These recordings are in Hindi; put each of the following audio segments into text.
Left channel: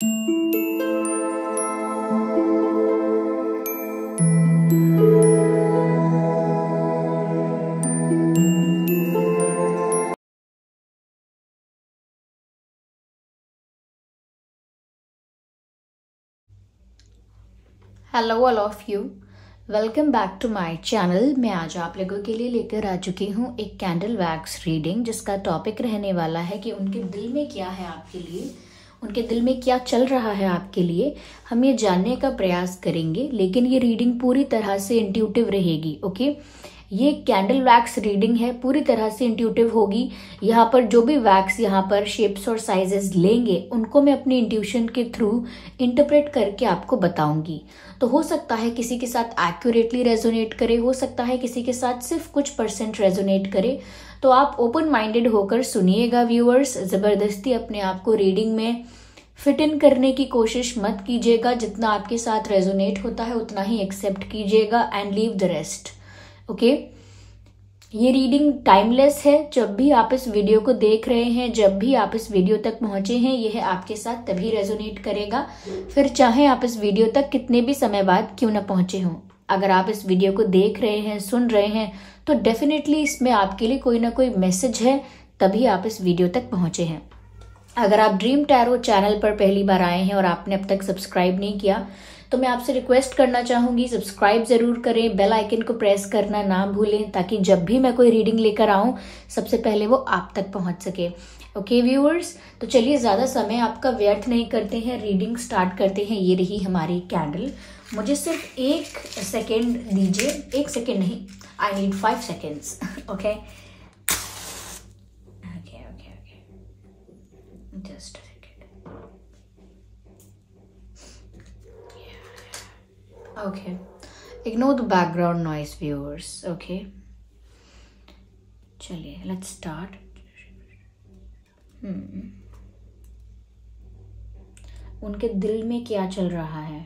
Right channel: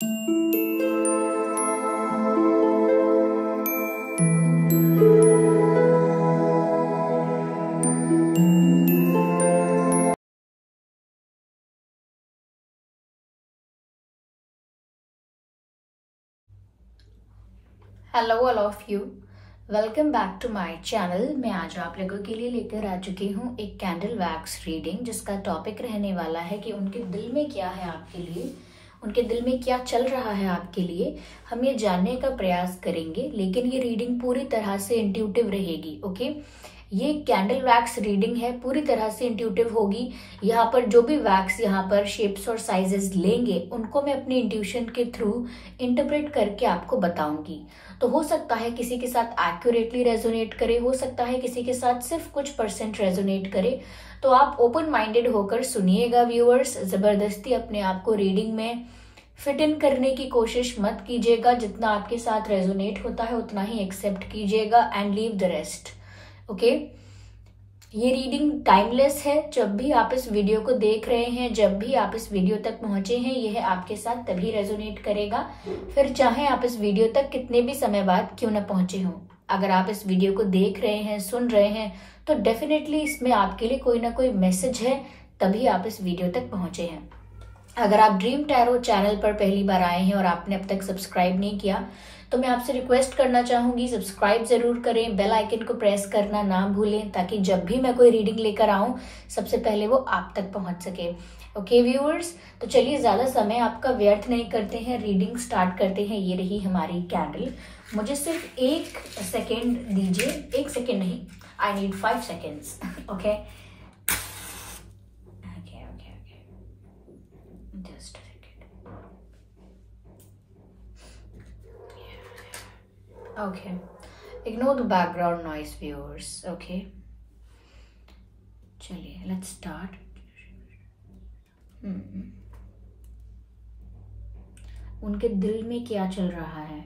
Hello all of you, welcome back to my channel. मैं आज आप लोगों के लिए लेकर आ चुकी हूँ एक कैंडल वैक्स रीडिंग, जिसका टॉपिक रहने वाला है कि उनके दिल में क्या है आपके लिए, उनके दिल में क्या चल रहा है आपके लिए। हम ये जानने का प्रयास करेंगे, लेकिन ये रीडिंग पूरी तरह से इंट्यूटिव रहेगी। ओके, ये कैंडल वैक्स रीडिंग है, पूरी तरह से इंट्यूटिव होगी। यहाँ पर जो भी वैक्स यहाँ पर शेप्स और साइजेस लेंगे, उनको मैं अपनी इंट्यूशन के थ्रू इंटरप्रेट करके आपको बताऊंगी। तो हो सकता है किसी के साथ एक्यूरेटली रेजोनेट करे, हो सकता है किसी के साथ सिर्फ कुछ % रेजोनेट करे। तो आप ओपन माइंडेड होकर सुनिएगा व्यूअर्स। जबरदस्ती अपने आप को रीडिंग में फिट इन करने की कोशिश मत कीजिएगा। जितना आपके साथ रेजोनेट होता है उतना ही एक्सेप्ट कीजिएगा and leave the rest. Okay, ये रीडिंग टाइमलेस है। जब भी आप इस वीडियो को देख रहे हैं, जब भी आप इस वीडियो तक पहुंचे हैं, यह आपके साथ तभी रेजोनेट करेगा, फिर चाहे आप इस वीडियो तक कितने भी समय बाद क्यों ना पहुंचे हों। अगर आप इस वीडियो को देख रहे हैं, सुन रहे हैं, तो डेफिनेटली इसमें आपके लिए कोई ना कोई मैसेज है, तभी आप इस वीडियो तक पहुंचे हैं। अगर आप ड्रीम टैरो चैनल पर पहली बार आए हैं और आपने अब तक सब्सक्राइब नहीं किया, तो मैं आपसे रिक्वेस्ट करना चाहूंगी, सब्सक्राइब जरूर करें, बेल आइकन को प्रेस करना ना भूलें, ताकि जब भी मैं कोई रीडिंग लेकर आऊं सबसे पहले वो आप तक पहुंच सके। ओके व्यूअर्स, तो चलिए ज्यादा समय आपका व्यर्थ नहीं करते हैं, रीडिंग स्टार्ट करते हैं। ये रही हमारी कैंडल। मुझे सिर्फ 1 सेकेंड दीजिए, 1 सेकेंड नहीं, I need 5 seconds. Okay, just a second. Okay, ignore the background noise viewers. Okay, चलिए let's start. उनके दिल में क्या चल रहा है?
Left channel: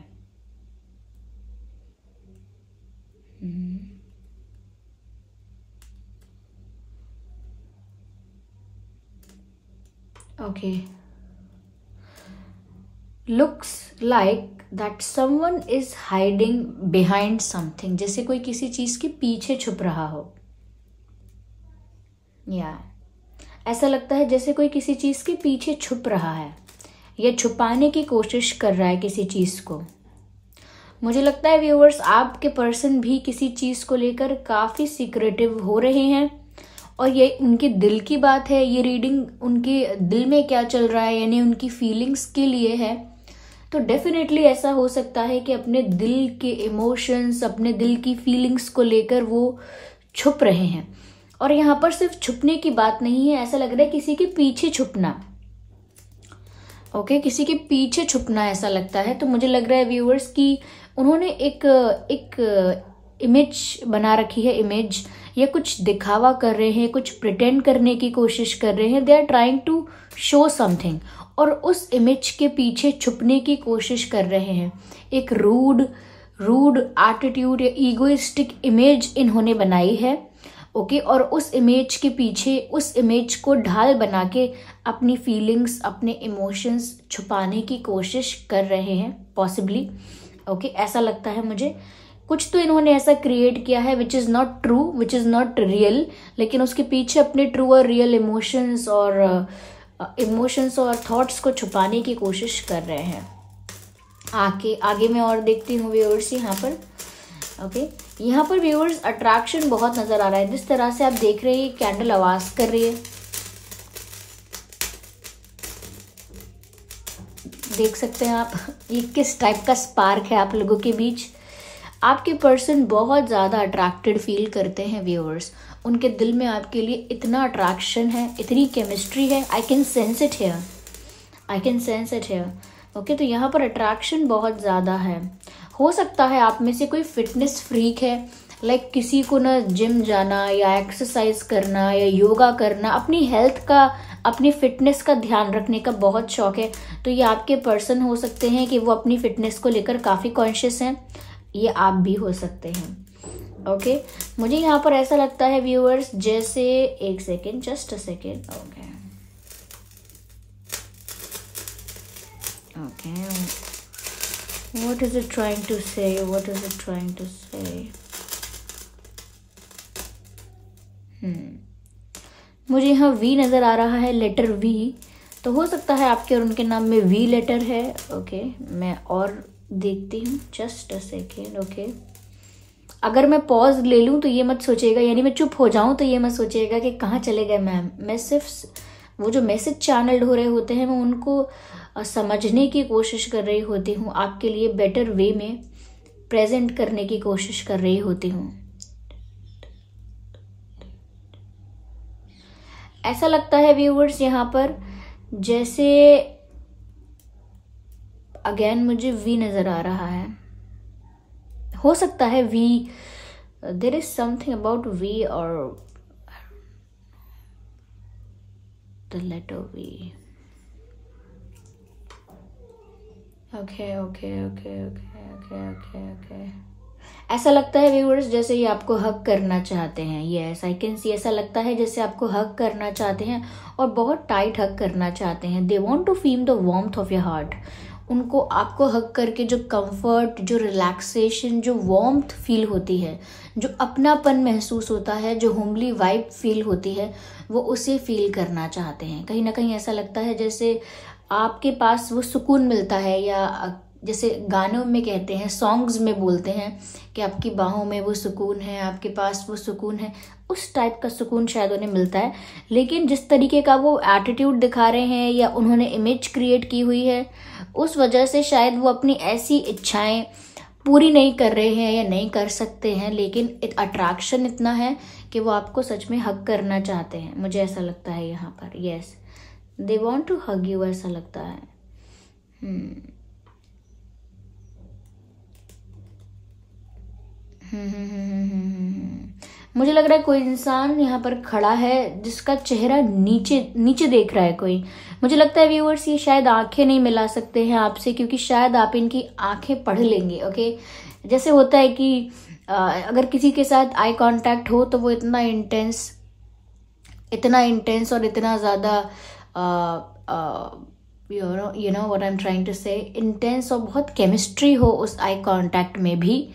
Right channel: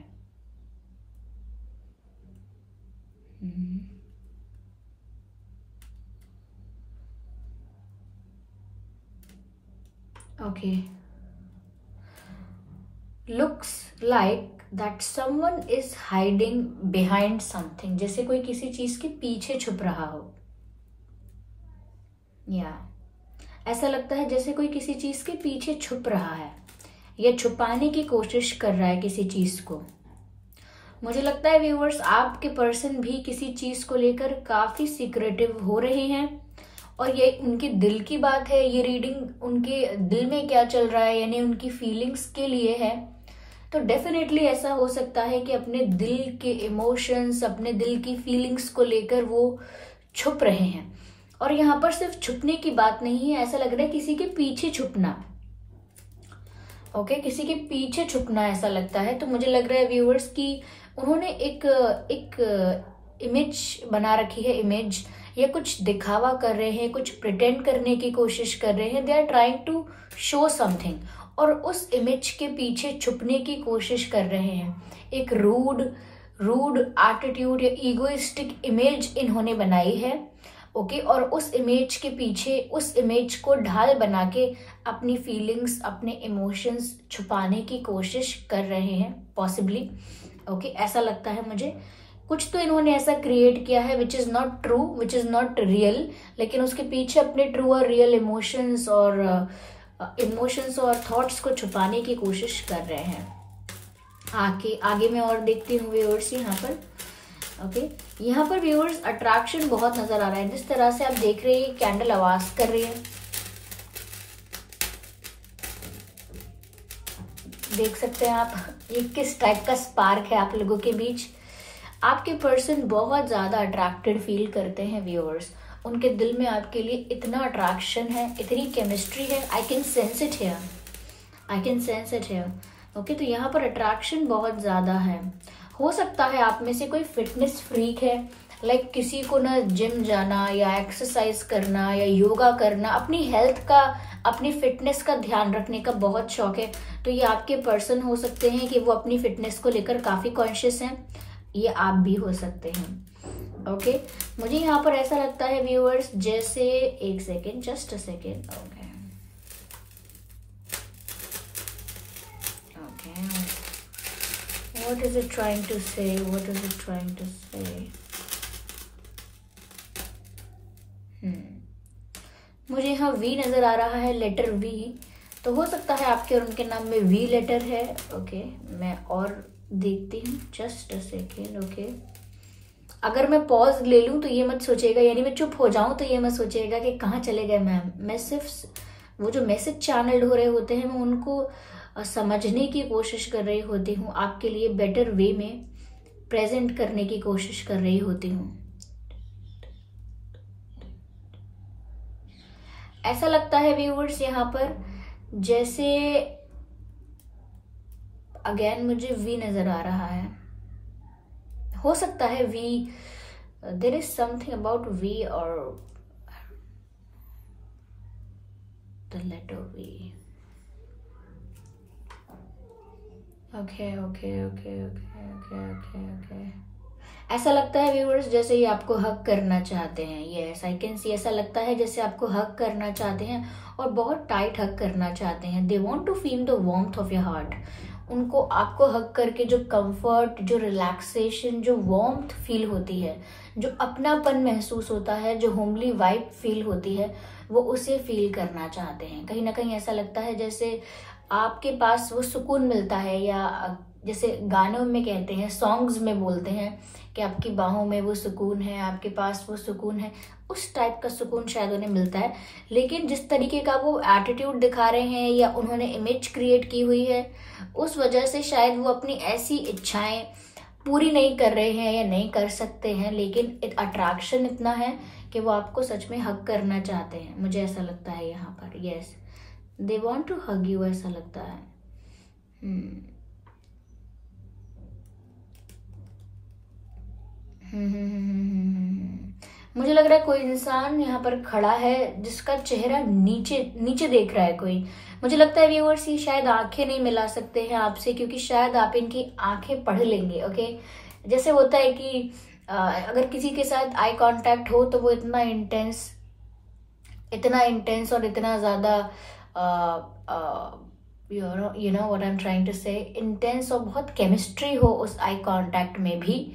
Okay, looks like that someone is hiding behind something. जैसे कोई किसी चीज के पीछे छुप रहा हो, या ऐसा लगता है जैसे कोई किसी चीज के पीछे छुप रहा है या छुपाने की कोशिश कर रहा है किसी चीज को। मुझे लगता है व्यूअर्स, आपके पर्सन भी किसी चीज को लेकर काफी सीक्रेटिव हो रहे हैं, और ये उनके दिल की बात है। ये रीडिंग उनके दिल में क्या चल रहा है, यानी उनकी फीलिंग्स के लिए है। तो डेफिनेटली ऐसा हो सकता है कि अपने दिल के इमोशंस, अपने दिल की फीलिंग्स को लेकर वो छुप रहे हैं। और यहाँ पर सिर्फ छुपने की बात नहीं है, ऐसा लग रहा है किसी के पीछे छुपना। ओके, किसी के पीछे छुपना ऐसा लगता है। तो मुझे लग रहा है व्यूअर्स कि उन्होंने एक इमेज बना रखी है, इमेज, ये कुछ दिखावा कर रहे हैं, कुछ प्रिटेंड करने की कोशिश कर रहे हैं। They are trying to show something, और उस इमेज के पीछे छुपने की कोशिश कर रहे हैं। एक रूड एटीट्यूड या ईगोइस्टिक इमेज इन्होंने बनाई है। ओके, और उस इमेज के पीछे, उस इमेज को ढाल बना के अपनी फीलिंग्स, अपने इमोशंस छुपाने की कोशिश कर रहे हैं पॉसिबली। ओके, ऐसा लगता है मुझे। कुछ तो इन्होंने ऐसा क्रिएट किया है which is not true, which is not real, लेकिन उसके पीछे अपने ट्रू और रियल इमोशंस और थॉट्स को छुपाने की कोशिश कर रहे हैं। आगे मैं और देखती हूँ व्यूअर्स यहाँ पर। ओके, यहाँ पर व्यूअर्स अट्रैक्शन बहुत नजर आ रहा है। जिस तरह से आप देख रहे हैं, कैंडल आवाज कर रही है, देख सकते हैं आप ये किस टाइप का स्पार्क है आप लोगों के बीच। आपके पर्सन बहुत ज्यादा अट्रैक्टेड फील करते हैं व्यूअर्स। उनके दिल में आपके लिए इतना अट्रैक्शन है, इतनी केमिस्ट्री है। I can sense it here. Okay, तो यहाँ पर अट्रैक्शन बहुत ज्यादा है। हो सकता है आप में से कोई फिटनेस फ्रीक है, लाइक किसी को ना जिम जाना या एक्सरसाइज करना या योगा करना, अपनी हेल्थ का, अपनी फिटनेस का ध्यान रखने का बहुत शौक है। तो ये आपके पर्सन हो सकते हैं कि वो अपनी फिटनेस को लेकर काफी कॉन्शियस हैं। ये आप भी हो सकते हैं। ओके, मुझे यहाँ पर ऐसा लगता है व्यूअर्स, जैसे 1 second, just a second. Okay, What is it trying to say? What is it trying to say? मुझे यहाँ वी नजर आ रहा है, लेटर वी। तो हो सकता है आपके और उनके नाम में वी लेटर है। ओके, मैं और देखती हूँ, जस्ट अ सेकेंड। ओके, अगर मैं पॉज ले लूँ तो ये मत सोचिएगा, यानी मैं चुप हो जाऊं तो ये मत सोचिएगा कि कहाँ चले गए मैम। मैं सिर्फ वो जो मैसेज चैनल हो रहे होते हैं मैं उनको समझने की कोशिश कर रही होती हूँ, आपके लिए बेटर वे में प्रेजेंट करने की कोशिश कर रही होती हूँ। ऐसा लगता है व्यूअर्स यहाँ पर जैसे अगेन मुझे वी नजर आ रहा है। हो सकता है V, there is something about V और the letter V. Okay okay okay okay okay okay okay, ऐसा लगता है व्यूअर्स जैसे ये आपको हग करना चाहते हैं। Yes, I can see. ऐसा लगता है जैसे आपको हग करना चाहते हैं और बहुत टाइट हग करना चाहते हैं। They want to feel the warmth of your heart. उनको आपको हग करके जो कंफर्ट, जो रिलैक्सेशन, जो वार्मथ फील होती है, जो अपनापन महसूस होता है, जो होमली वाइब फील होती है, वो उसे फील करना चाहते हैं। कहीं ना कहीं ऐसा लगता है जैसे आपके पास वो सुकून मिलता है, या जैसे गानों में कहते हैं, सॉन्ग्स में बोलते हैं कि आपकी बाहों में वो सुकून है, आपके पास वो सुकून है। उस टाइप का सुकून शायद उन्हें मिलता है। लेकिन जिस तरीके का वो एटीट्यूड दिखा रहे हैं या उन्होंने इमेज क्रिएट की हुई है, उस वजह से शायद वो अपनी ऐसी इच्छाएं पूरी नहीं कर रहे हैं या नहीं कर सकते हैं। लेकिन अट्रैक्शन इतना है कि वो आपको सच में हग करना चाहते हैं। मुझे ऐसा लगता है यहाँ पर। Yes, they want to hug you, ऐसा लगता है। मुझे लग रहा है कोई इंसान यहाँ पर खड़ा है जिसका चेहरा नीचे नीचे देख रहा है कोई। मुझे लगता है व्यूअर्स ये शायद आंखें नहीं मिला सकते हैं आपसे, क्योंकि शायद आप इनकी आंखें पढ़ लेंगे। ओके, जैसे होता है कि अगर किसी के साथ आई कांटेक्ट हो तो वो इतना इंटेंस और इतना ज्यादा you know what I am trying to say, intense और बहुत केमिस्ट्री हो उस आई कांटेक्ट में भी,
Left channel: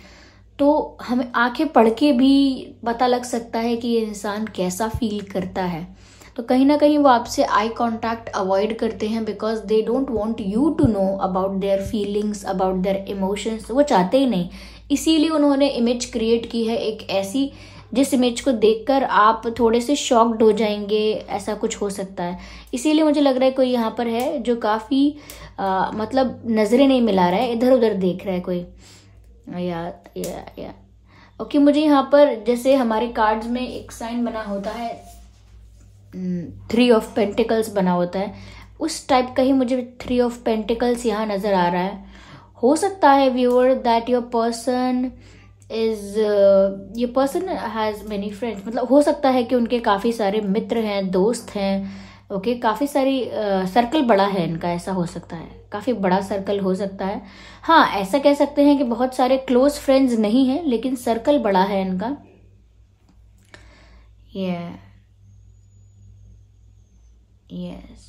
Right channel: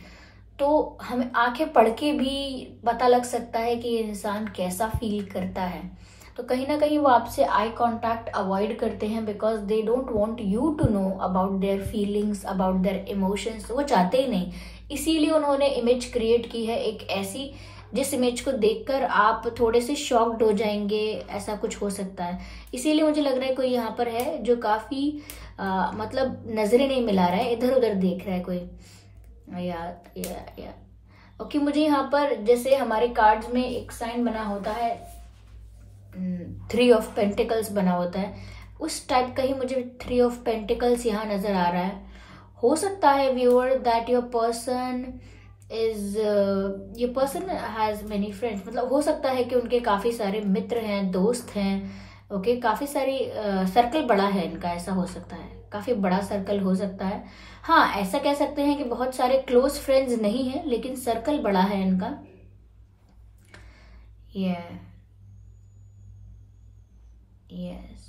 तो हमें आंखें पढ़ के भी पता लग सकता है कि ये इंसान कैसा फील करता है। तो कहीं ना कहीं वो आपसे आई कांटेक्ट अवॉइड करते हैं because they don't want you to know about their feelings, about their emotions. वो चाहते ही नहीं, इसीलिए उन्होंने इमेज क्रिएट की है एक ऐसी जिस इमेज को देखकर आप थोड़े से शॉक्ड हो जाएंगे, ऐसा कुछ हो सकता है। इसीलिए मुझे लग रहा है कोई यहाँ पर है जो काफी मतलब नजरें नहीं मिला रहा है, इधर उधर देख रहा है कोई। या ओके, मुझे यहाँ पर जैसे हमारे कार्ड्स में एक साइन बना होता है, 3 ऑफ पेंटिकल्स बना होता है, उस टाइप का ही मुझे 3 ऑफ पेंटिकल्स यहाँ नजर आ रहा है। हो सकता है viewer that your person has many friends, मतलब हो सकता है कि उनके काफी सारे मित्र हैं, दोस्त हैं। ओके, काफी सारी सर्कल बड़ा है इनका, ऐसा हो सकता है, काफी बड़ा सर्कल हो सकता है। हाँ, ऐसा कह सकते हैं कि बहुत सारे क्लोज फ्रेंड्स नहीं है, लेकिन सर्कल बड़ा है इनका। यस,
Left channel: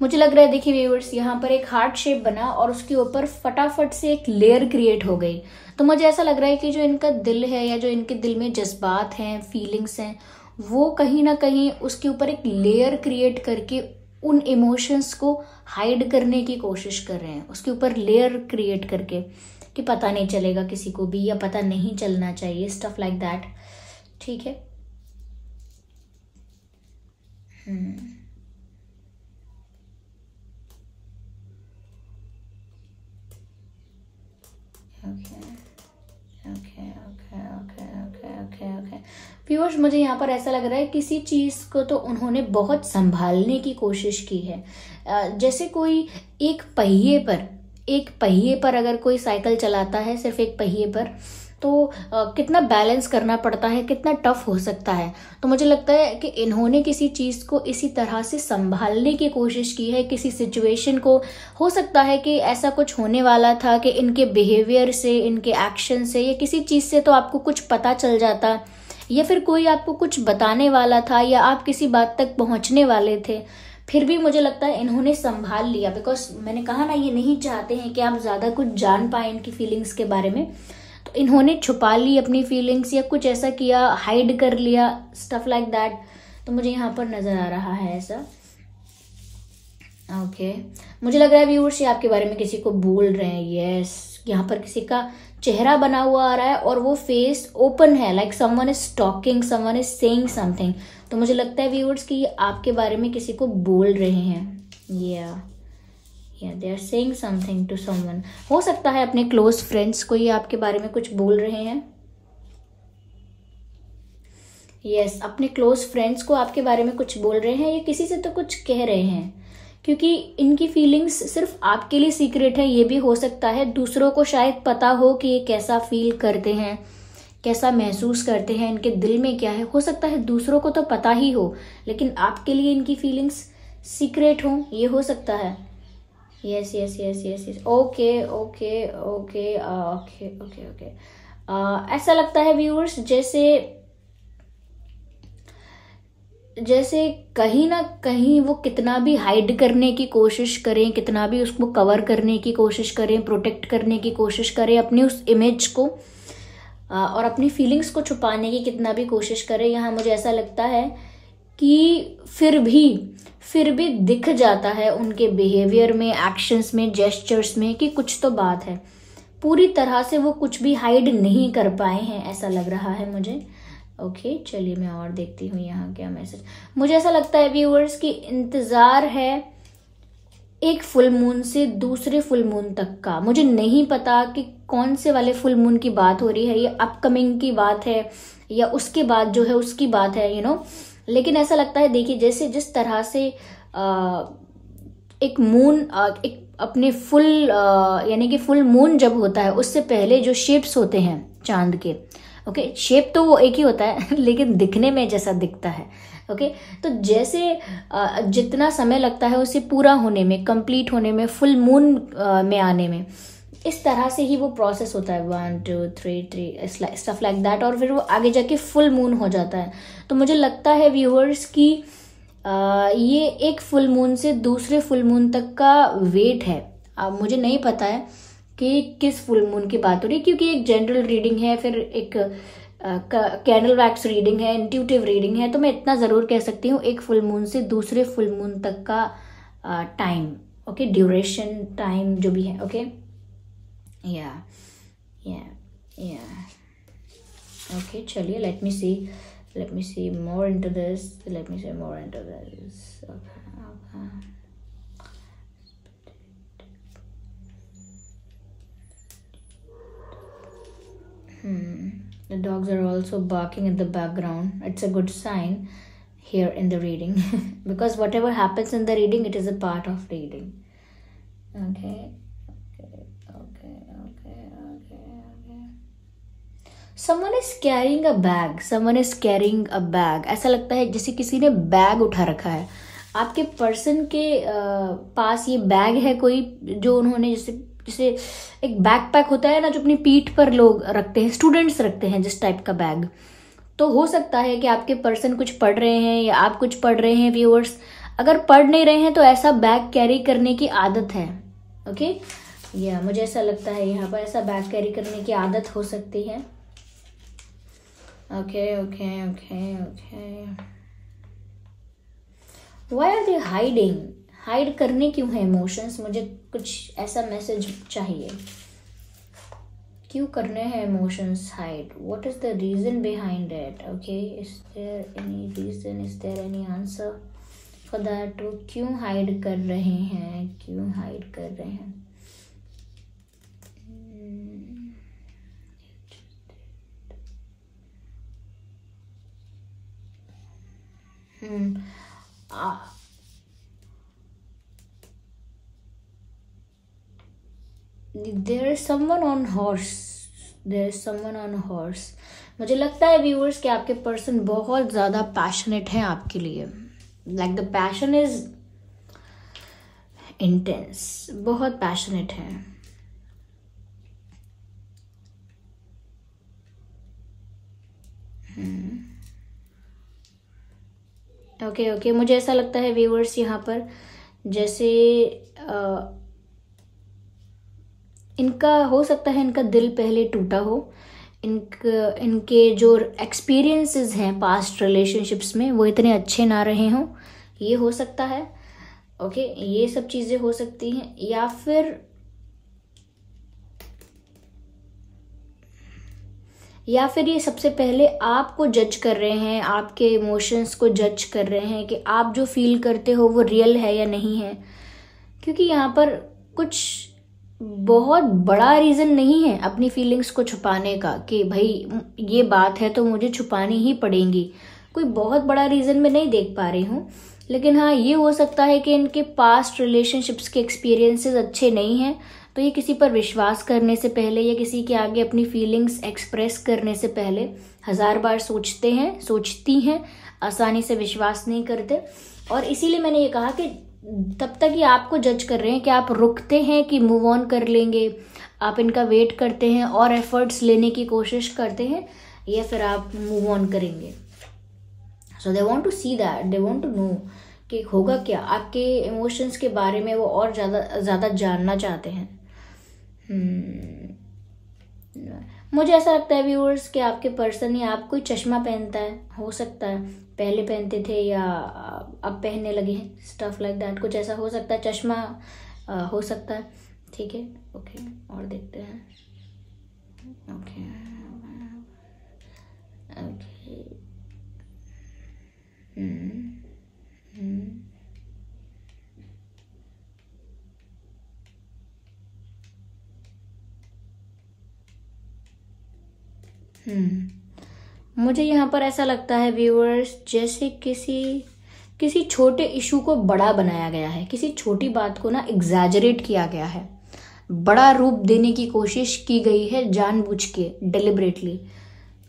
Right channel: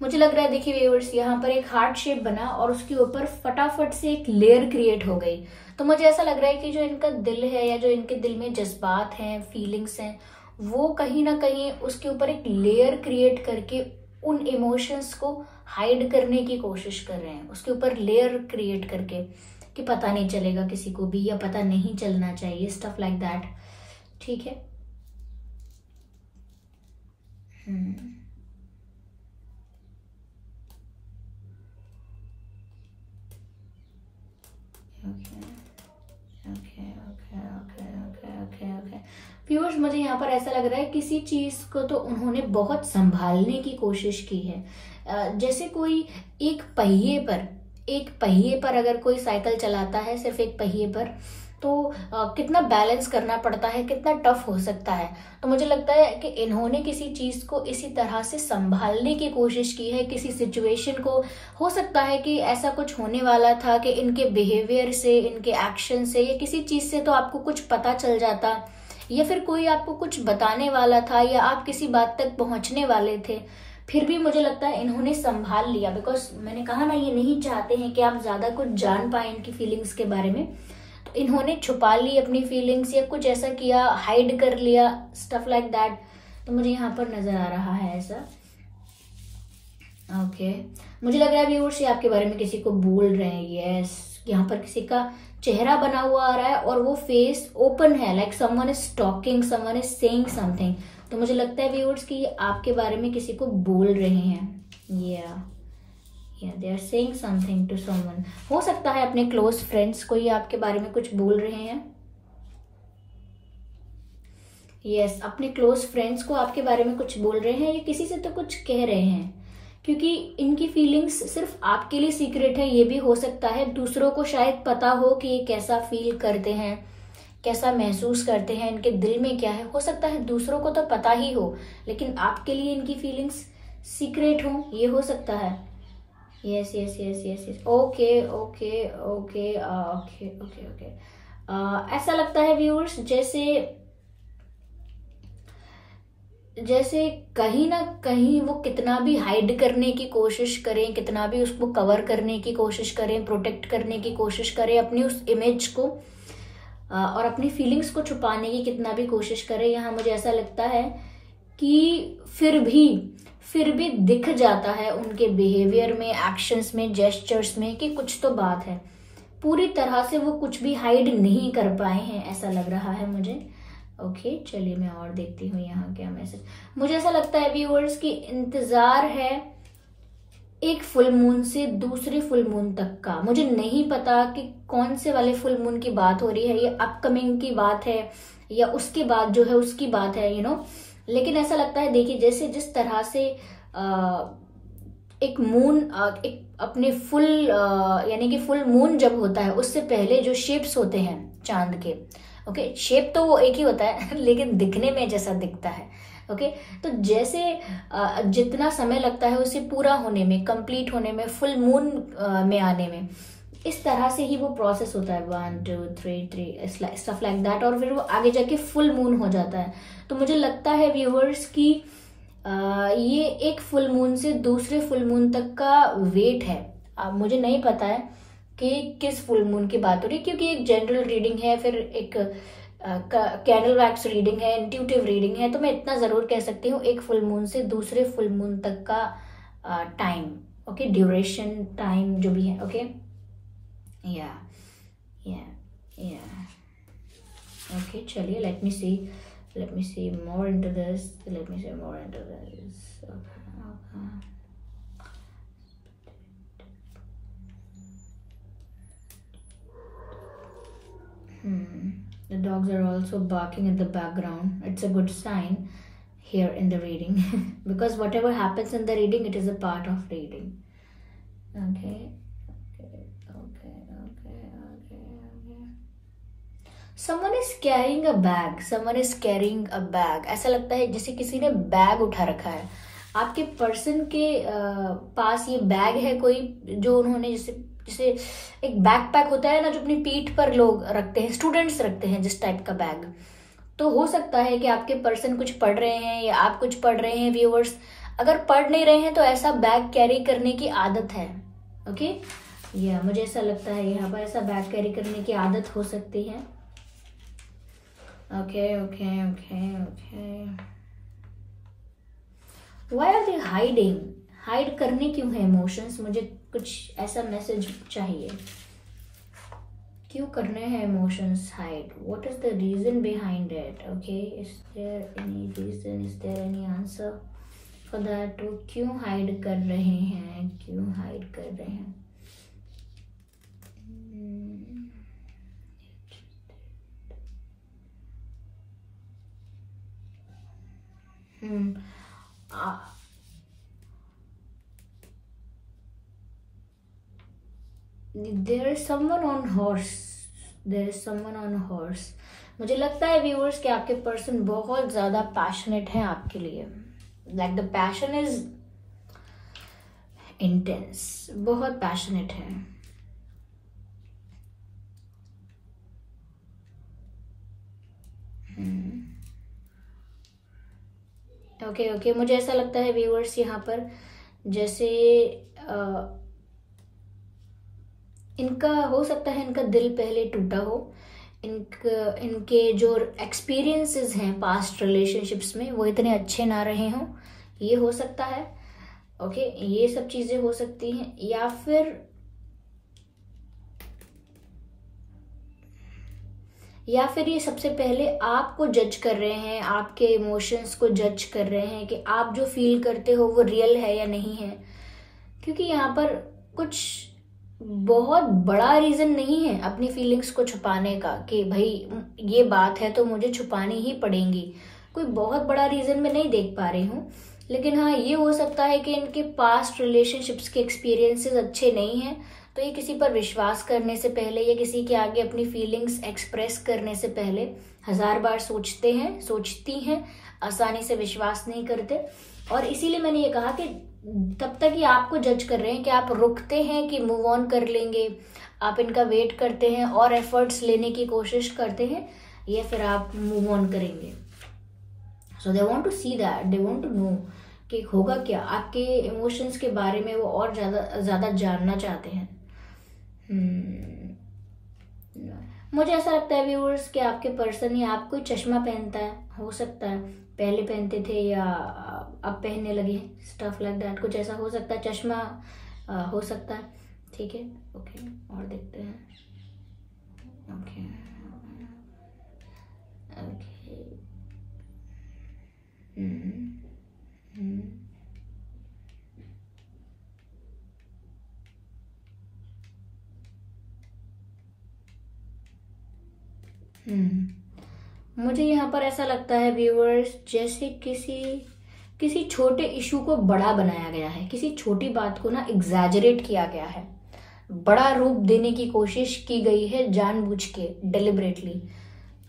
मुझे लग रहा है, देखिए व्यूअर्स, यहाँ पर एक हार्ट शेप बना और उसके ऊपर फटाफट से एक लेयर क्रिएट हो गई। तो मुझे ऐसा लग रहा है कि जो इनका दिल है या जो इनके दिल में जज्बात हैं, फीलिंग्स हैं, वो कहीं ना कहीं उसके ऊपर एक लेयर क्रिएट करके उन इमोशंस को हाइड करने की कोशिश कर रहे हैं, उसके ऊपर लेयर क्रिएट करके कि पता नहीं चलेगा किसी को भी, या पता नहीं चलना चाहिए, स्टफ लाइक दैट। ठीक है, व्यूअर्स, मुझे यहाँ पर ऐसा लग रहा है किसी चीज को तो उन्होंने बहुत संभालने की कोशिश की है। जैसे कोई एक पहिए पर अगर कोई साइकिल चलाता है, सिर्फ एक पहिए पर, तो कितना बैलेंस करना पड़ता है, कितना टफ हो सकता है। तो मुझे लगता है कि इन्होंने किसी चीज को इसी तरह से संभालने की कोशिश की है, किसी सिचुएशन को। हो सकता है कि ऐसा कुछ होने वाला था कि इनके बिहेवियर से, इनके एक्शन से, या किसी चीज से तो आपको कुछ पता चल जाता, या फिर कोई आपको कुछ बताने वाला था, या आप किसी बात तक पहुंचने वाले थे, फिर भी मुझे लगता है इन्होंने संभाल लिया, बिकॉज मैंने कहा ना, ये नहीं चाहते हैं कि आप ज्यादा कुछ जान पाए इनकी फीलिंग्स के बारे में। तो इन्होंने छुपा ली अपनी फीलिंग्स, या कुछ ऐसा किया, हाइड कर लिया, स्टफ लाइक दैट। तो मुझे यहाँ पर नजर आ रहा है ऐसा। ओके मुझे लग रहा है व्यूअर्स ये आपके बारे में किसी को बोल रहे हैं। यस, यहाँ पर किसी का चेहरा बना हुआ आ रहा है और वो फेस ओपन है, like someone is talking, someone is saying something. तो मुझे लगता है व्यूअर्स कि ये आपके बारे में किसी को बोल रहे हैं। या they are saying something to someone. हो सकता है अपने क्लोज फ्रेंड्स को ये आपके बारे में कुछ बोल रहे हैं। यस, अपने क्लोज फ्रेंड्स को आपके बारे में कुछ बोल रहे हैं, या किसी से तो कुछ कह रहे हैं, क्योंकि इनकी फीलिंग्स सिर्फ आपके लिए सीक्रेट है। ये भी हो सकता है दूसरों को शायद पता हो कि ये कैसा फील करते हैं, कैसा महसूस करते हैं, इनके दिल में क्या है। हो सकता है दूसरों को तो पता ही हो, लेकिन आपके लिए इनकी फीलिंग्स सीक्रेट हो, ये हो सकता है। Yes yes yes yes yes, okay okay okay okay okay okay. ऐसा लगता है व्यूअर्स जैसे कहीं ना कहीं वो कितना भी हाइड करने की कोशिश करें, कितना भी उसको कवर करने की कोशिश करें, प्रोटेक्ट करने की कोशिश करें अपनी उस इमेज को, और अपनी फीलिंग्स को छुपाने की कितना भी कोशिश करें, यहाँ मुझे ऐसा लगता है कि फिर भी दिख जाता है उनके बिहेवियर में, एक्शंस में, जेस्चर्स में कि कुछ तो बात है। पूरी तरह से वो कुछ भी हाइड नहीं कर पाए हैं, ऐसा लग रहा है मुझे। ओके चलिए मैं और देखती हूँ यहाँ क्या मैसेज। मुझे ऐसा लगता है व्यूअर्स की इंतजार है एक फुल मून से दूसरे फुल मून तक का। मुझे नहीं पता कि कौन से वाले फुल मून की बात हो रही है, ये अपकमिंग की बात है या उसके बाद जो है उसकी बात है, लेकिन ऐसा लगता है, देखिए जैसे जिस तरह से एक मून एक अपने फुल यानी कि फुल मून जब होता है उससे पहले जो शेप्स होते हैं चांद के, ओके शेप तो वो एक ही होता है लेकिन दिखने में जैसा दिखता है, ओके तो जैसे जितना समय लगता है उसे पूरा होने में, कंप्लीट होने में, फुल मून में आने में, इस तरह से ही वो प्रोसेस होता है, 1 2 3 स्टफ लाइक दैट, और फिर वो आगे जाके फुल मून हो जाता है। तो मुझे लगता है व्यूअर्स की ये एक फुल मून से दूसरे फुल मून तक का वेट है। अब मुझे नहीं पता है कि किस फुल मून की बात हो रही है, क्योंकि एक जनरल रीडिंग है, फिर एक कैंडल वैक्स रीडिंग है, इंट्यूटिव रीडिंग है। तो मैं इतना जरूर कह सकती हूँ एक फुल मून से दूसरे फुल मून तक का टाइम, ओके ड्यूरेशन टाइम जो भी है, ओके या ओके चलिए let me see more into this, The dogs are also barking in the background. It's a good sign here in the reading because whatever happens in the reading, it is a part of reading. Okay. Someone is carrying a bag. ऐसा लगता है जैसे किसी ने बैग उठा रखा है। आपके पर्सन के पास ये बैग है कोई, जो उन्होंने जैसे एक बैकपैक होता है ना जो अपनी पीठ पर लोग रखते हैं, स्टूडेंट्स रखते हैं जिस टाइप का बैग। तो हो सकता है कि आपके पर्सन कुछ पढ़ रहे हैं या आप कुछ पढ़ रहे हैं व्यूअर्स। अगर पढ़ नहीं रहे हैं तो ऐसा बैग कैरी करने की आदत है, ओके या मुझे ऐसा लगता है यहाँ पर ऐसा बैग कैरी करने की आदत हो सकती है। Okay Why are they hiding? Hide करने क्यों है इमोशंस? मुझे कुछ ऐसा मैसेज चाहिए, क्यों करने हैं emotions hide? What is the reason behind it? Okay is there any reason, is there any answer for that? वो क्यों हाइड कर रहे हैं, There is someone on horse. मुझे लगता है व्यूअर्स कि आपके पर्सन बहुत ज्यादा पैशनेट है आपके लिए, like the passion is intense, बहुत पैशनेट है। ओके ओके, मुझे ऐसा लगता है व्यूअर्स यहाँ पर जैसे इनका हो सकता है इनका दिल पहले टूटा हो, इनके जो एक्सपीरियंसेस हैं पास्ट रिलेशनशिप्स में वो इतने अच्छे ना रहे हों, ये हो सकता है। ओके, ये सब चीजें हो सकती हैं। या फिर ये सबसे पहले आपको जज कर रहे हैं, आपके इमोशंस को जज कर रहे हैं कि आप जो फील करते हो वो रियल है या नहीं है, क्योंकि यहाँ पर कुछ बहुत बड़ा रीजन नहीं है अपनी फीलिंग्स को छुपाने का कि भाई ये बात है तो मुझे छुपानी ही पड़ेगी। कोई बहुत बड़ा रीजन मैं नहीं देख पा रही हूँ, लेकिन हाँ ये हो सकता है कि इनके पास्ट रिलेशनशिप्स के एक्सपीरियंसेस अच्छे नहीं हैं, तो ये किसी पर विश्वास करने से पहले या किसी के आगे अपनी फीलिंग्स एक्सप्रेस करने से पहले 1000 बार सोचती हैं, आसानी से विश्वास नहीं करते। और इसीलिए मैंने ये कहा कि तब तक ये आपको जज कर रहे हैं कि आप रुकते हैं कि मूव ऑन कर लेंगे, आप इनका वेट करते हैं और एफर्ट्स लेने की कोशिश करते हैं, या फिर आप मूव ऑन करेंगे। So they want to see that, they want to know कि होगा क्या, आपके इमोशंस के बारे में वो और ज्यादा जानना चाहते हैं। मुझे ऐसा लगता है व्यूअर्स कि आपके पर्सन या आप कोई चश्मा पहनता है, हो सकता है पहले पहनते थे या अब पहनने लगे हैं, स्टफ लाइक दैट, कुछ ऐसा हो सकता है। चश्मा हो सकता है, ठीक है। ओके, और देखते हैं। ओके ओके, मुझे यहाँ पर ऐसा लगता है व्यूअर्स जैसे किसी छोटे इशू को बड़ा बनाया गया है, किसी छोटी बात को ना एग्जैजरेट किया गया है, बड़ा रूप देने की कोशिश की गई है जानबूझ के, डिलिबरेटली।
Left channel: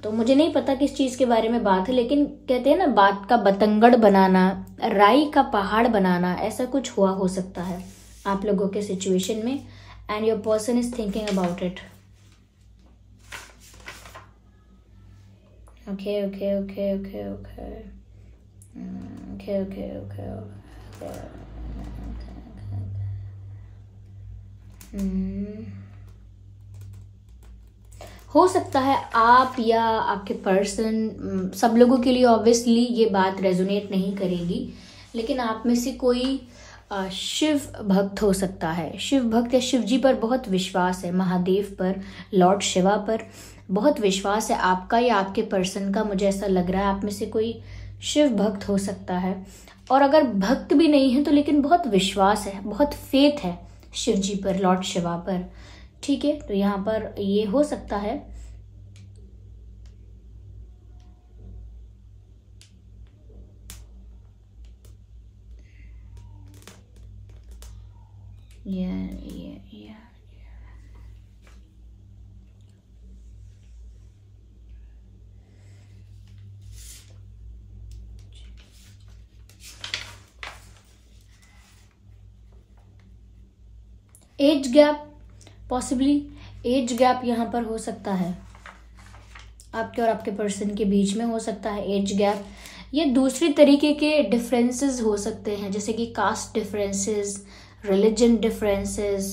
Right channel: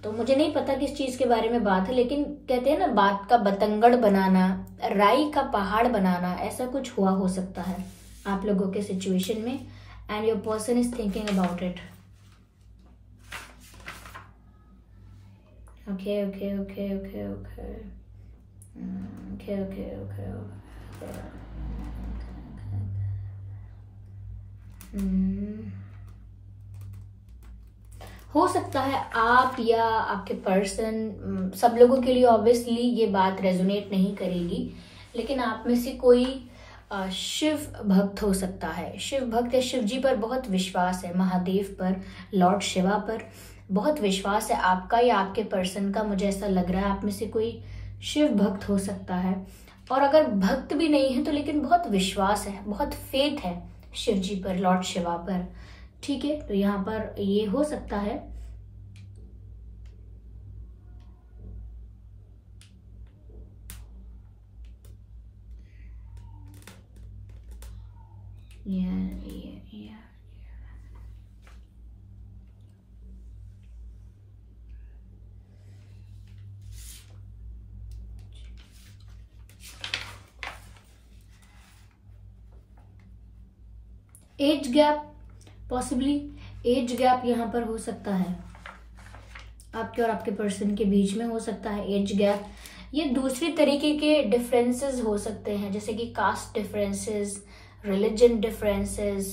तो मुझे नहीं पता किस चीज के बारे में बात है, लेकिन कहते हैं ना बात का बतंगड़ बनाना, राई का पहाड़ बनाना, ऐसा कुछ हुआ हो सकता है आप लोगों के सिचुएशन में, and your person is thinking about it. Okay. हो सकता है आप या आपके पर्सन, सब लोगों के लिए ऑब्वियसली ये बात रेजोनेट नहीं करेगी, लेकिन आप में से कोई शिव भक्त हो सकता है। शिव भक्त या शिव जी पर बहुत विश्वास है, महादेव पर, लॉर्ड शिवा पर बहुत विश्वास है आपका या आपके पर्सन का। मुझे ऐसा लग रहा है आप में से कोई शिव भक्त हो सकता है, और अगर भक्त भी नहीं है तो लेकिन बहुत विश्वास है, बहुत फेथ है शिव जी पर, लॉर्ड शिवा पर, ठीक है। तो यहाँ पर ये हो सकता है। Age gap, possibly age gap यहाँ पर हो सकता है, आपके और आपके पर्सन के बीच में हो सकता है एज गैप। ये दूसरी तरीके के डिफरेंसेस हो सकते हैं, जैसे कि कास्ट डिफरेंसेस, रिलीजन डिफरेंसेस,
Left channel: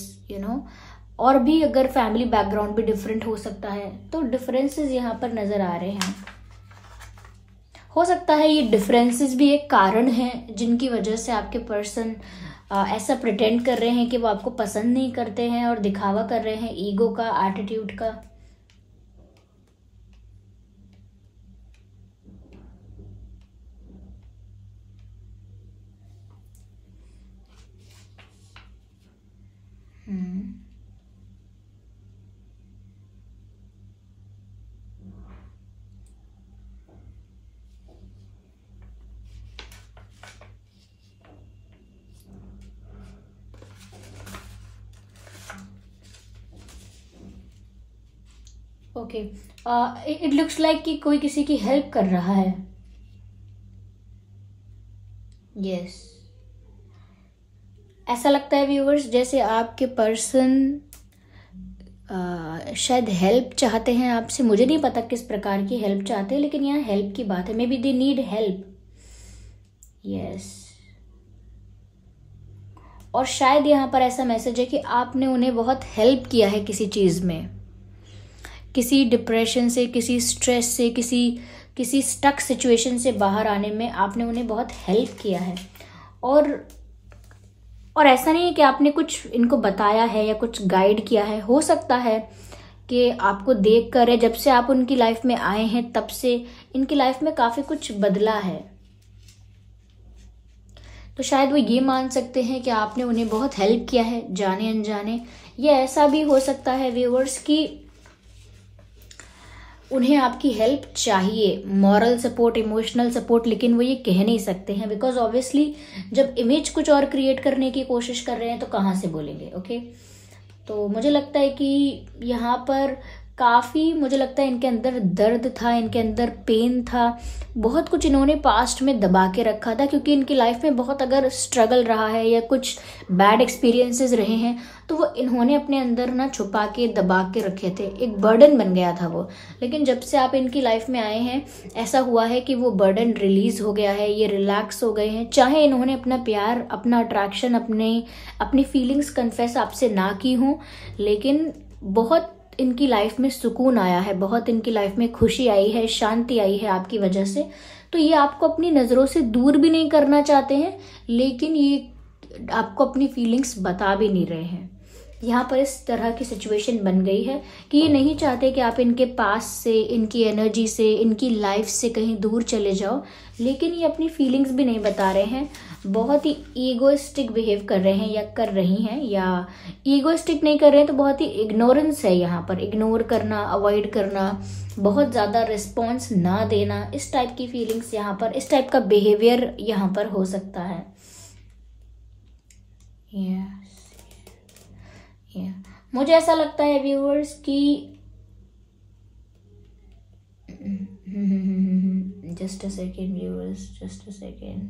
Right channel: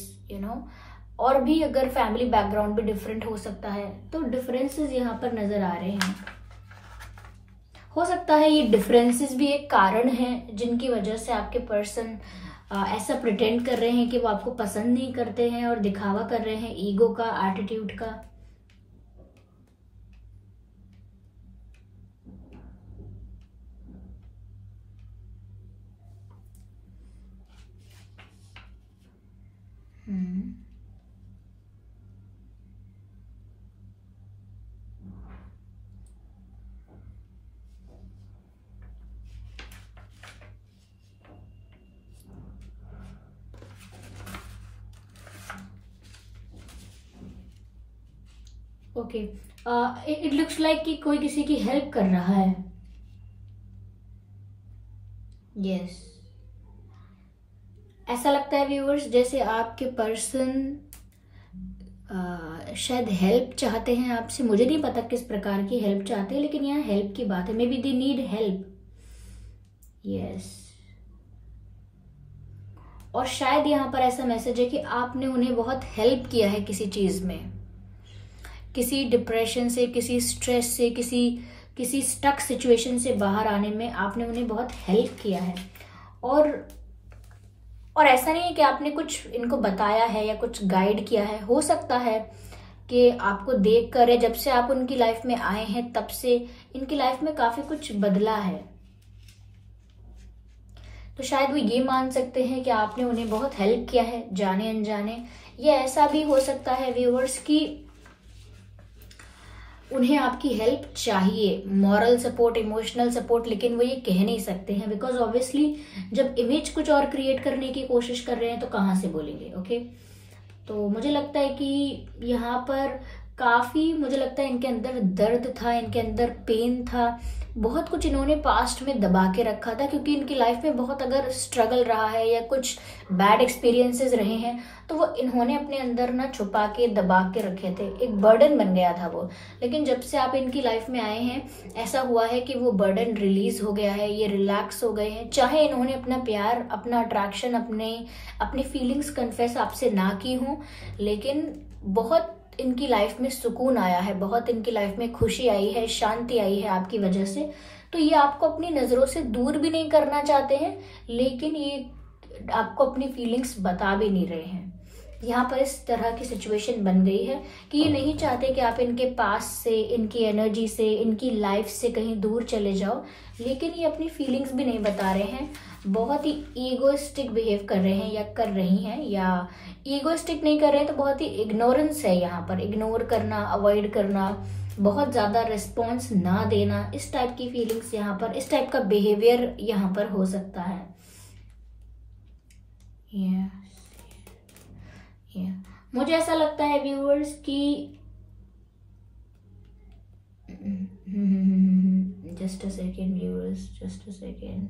और भी अगर फैमिली बैकग्राउंड भी डिफरेंट हो सकता है, तो डिफरेंसेस यहाँ पर नजर आ रहे हैं। हो सकता है ये डिफरेंसेस भी एक कारण है जिनकी वजह से आपके पर्सन ऐसा प्रिटेंड कर रहे हैं कि वो आपको पसंद नहीं करते हैं और दिखावा कर रहे हैं ईगो का, एटीट्यूड का। ओके, इट लुक्स लाइक कि कोई किसी की हेल्प कर रहा है। यस, ऐसा लगता है व्यूअर्स जैसे आपके पर्सन शायद हेल्प चाहते हैं आपसे। मुझे नहीं पता किस प्रकार की हेल्प चाहते हैं, लेकिन यहाँ हेल्प की बात है। May be they need help, yes. और शायद यहाँ पर ऐसा मैसेज है कि आपने उन्हें बहुत हेल्प किया है किसी चीज में, किसी डिप्रेशन से, किसी स्ट्रेस से, किसी स्टक सिचुएशन से बाहर आने में आपने उन्हें बहुत हेल्प किया है। और ऐसा नहीं है कि आपने कुछ इनको बताया है या कुछ गाइड किया है। हो सकता है कि आपको देख कर, जब से आप उनकी लाइफ में आए हैं तब से इनकी लाइफ में काफी कुछ बदला है। तो शायद वो ये मान सकते हैं कि आपने उन्हें बहुत हेल्प किया है जाने अनजाने। या ऐसा भी हो सकता है व्यूअर्स कि उन्हें आपकी हेल्प चाहिए, मॉरल सपोर्ट, इमोशनल सपोर्ट, लेकिन वो ये कह नहीं सकते हैं बिकॉज ऑब्वियसली जब इमेज कुछ और क्रिएट करने की कोशिश कर रहे हैं तो कहाँ से बोलेंगे। ओके, तो मुझे लगता है कि यहाँ पर काफी, मुझे लगता है इनके अंदर दर्द था, इनके अंदर पेन था, बहुत कुछ इन्होंने पास्ट में दबा के रखा था, क्योंकि इनकी लाइफ में बहुत अगर स्ट्रगल रहा है या कुछ बैड एक्सपीरियंसेस रहे हैं तो वो इन्होंने अपने अंदर ना छुपा के दबा के रखे थे, एक बर्डन बन गया था वो। लेकिन जब से आप इनकी लाइफ में आए हैं ऐसा हुआ है कि वो बर्डन रिलीज हो गया है, ये रिलैक्स हो गए हैं। चाहे इन्होंने अपना प्यार, अपना अट्रैक्शन, अपनी फीलिंग्स कन्फेस आपसे ना की हों, लेकिन बहुत इनकी लाइफ में सुकून आया है, बहुत इनकी लाइफ में खुशी आई है, शांति आई है आपकी वजह से। तो ये आपको अपनी नजरों से दूर भी नहीं करना चाहते हैं, लेकिन ये आपको अपनी फीलिंग्स बता भी नहीं रहे हैं। यहाँ पर इस तरह की सिचुएशन बन गई है कि ये नहीं चाहते कि आप इनके पास से, इनकी एनर्जी से, इनकी लाइफ से कहीं दूर चले जाओ, लेकिन ये अपनी फीलिंग्स भी नहीं बता रहे हैं। बहुत ही ईगोइस्टिक बिहेव कर रहे हैं या कर रही हैं, या ईगोइस्टिक नहीं कर रहे हैं तो बहुत ही इग्नोरेंस है यहाँ पर, इग्नोर करना, अवॉइड करना, बहुत ज्यादा रिस्पॉन्स ना देना, इस टाइप की फीलिंग्स यहाँ पर, इस टाइप का बिहेवियर यहाँ पर हो सकता है। मुझे ऐसा लगता है व्यूअर्स कि just a second viewers, just a second,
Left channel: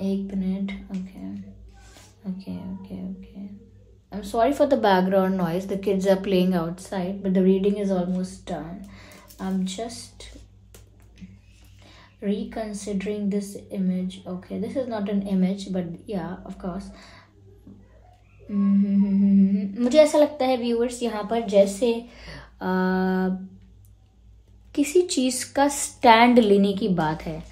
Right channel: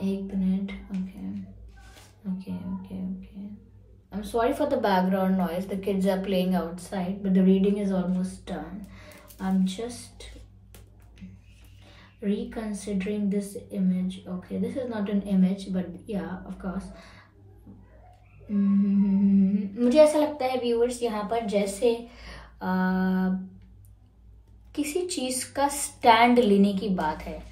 एक मिनट। Okay okay okay okay, I'm sorry for the background noise. The kids are playing outside, but the reading is almost done. I'm just reconsidering this image. Okay, this is not an image, but yeah, of course. मुझे ऐसा लगता है व्यूअर्स यहाँ पर जैसे किसी चीज का स्टैंड लेने की बात है।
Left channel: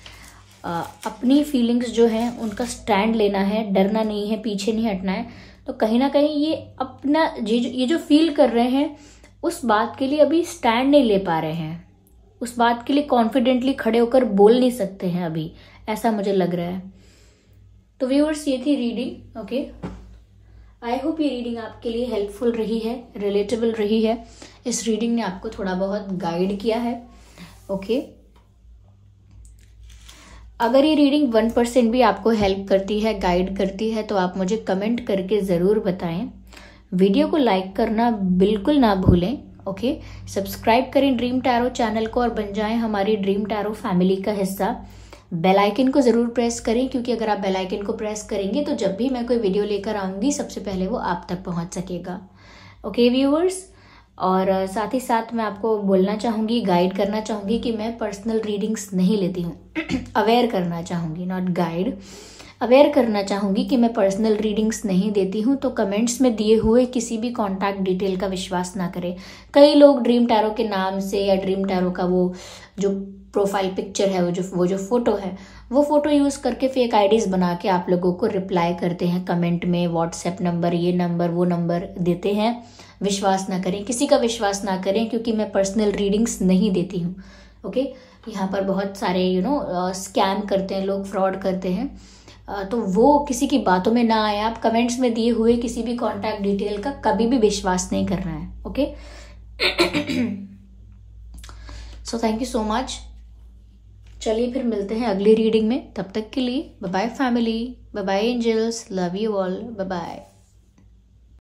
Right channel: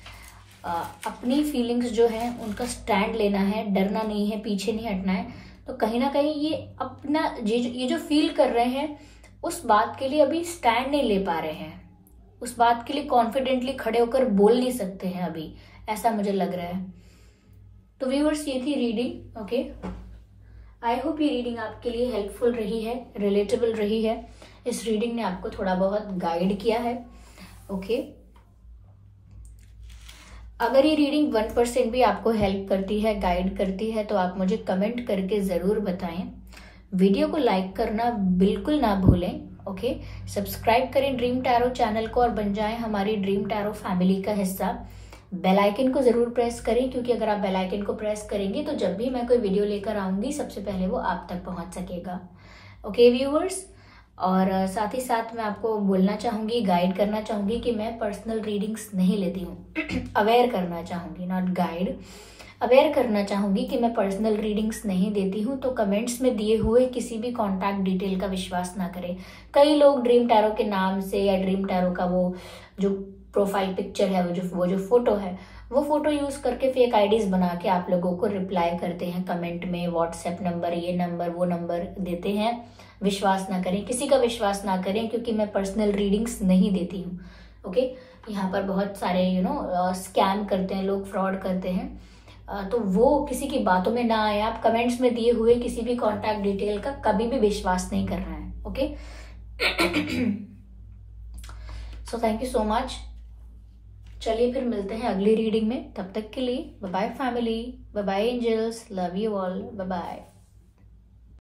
अपनी फीलिंग्स जो है उनका स्टैंड लेना है, डरना नहीं है, पीछे नहीं हटना है। तो कहीं ना कहीं ये अपना ये जो फील कर रहे हैं उस बात के लिए अभी स्टैंड नहीं ले पा रहे हैं, उस बात के लिए कॉन्फिडेंटली खड़े होकर बोल नहीं सकते हैं अभी, ऐसा मुझे लग रहा है। तो व्यूअर्स ये थी रीडिंग। ओके, आई होप ये रीडिंग आपके लिए हेल्पफुल रही है, रिलेटेबल रही है। इस रीडिंग ने आपको थोड़ा बहुत गाइड किया है। ओके, अगर ये रीडिंग 1% भी आपको हेल्प करती है, गाइड करती है, तो आप मुझे कमेंट करके जरूर बताएं। वीडियो को लाइक करना बिल्कुल ना भूलें। ओके, सब्सक्राइब करें ड्रीम टैरो चैनल को और बन जाएं हमारी ड्रीम टैरो फैमिली का हिस्सा। बेल आइकन को जरूर प्रेस करें, क्योंकि अगर आप बेल आइकन को प्रेस करेंगे तो जब भी मैं कोई वीडियो लेकर आऊंगी सबसे पहले वो आप तक पहुंच सकेगा। ओके व्यूअर्स, और साथ ही साथ मैं आपको बोलना चाहूंगी, गाइड करना चाहूंगी कि मैं पर्सनल रीडिंग्स नहीं लेती हूँ। अवेयर करना चाहूंगी, नॉट गाइड, अवेयर करना चाहूंगी कि मैं पर्सनल रीडिंग्स नहीं देती हूँ। तो कमेंट्स में दिए हुए किसी भी कॉन्टैक्ट डिटेल का विश्वास ना करें। कई लोग ड्रीम टैरो के नाम से या ड्रीम टैरो का वो जो प्रोफाइल पिक्चर है, वो जो फोटो है, वो फोटो यूज करके फेक आईडीज बना के आप लोगों को रिप्लाई करते हैं कमेंट में, व्हाट्सएप नंबर, ये नंबर, वो नंबर देते हैं। विश्वास ना करें, किसी का विश्वास ना करें, क्योंकि मैं पर्सनल रीडिंग्स नहीं देती हूँ। ओके, यहाँ पर बहुत सारे स्कैम करते हैं लोग, फ्रॉड करते हैं, तो वो किसी की बातों में ना आए। आप कमेंट्स में दिए हुए किसी भी कॉन्टैक्ट डिटेल का कभी भी विश्वास नहीं करना है। Okay, so thank you so much. चलिए फिर मिलते हैं अगली रीडिंग में, तब तक के लिए bye bye family, bye bye angels, love you all, bye bye.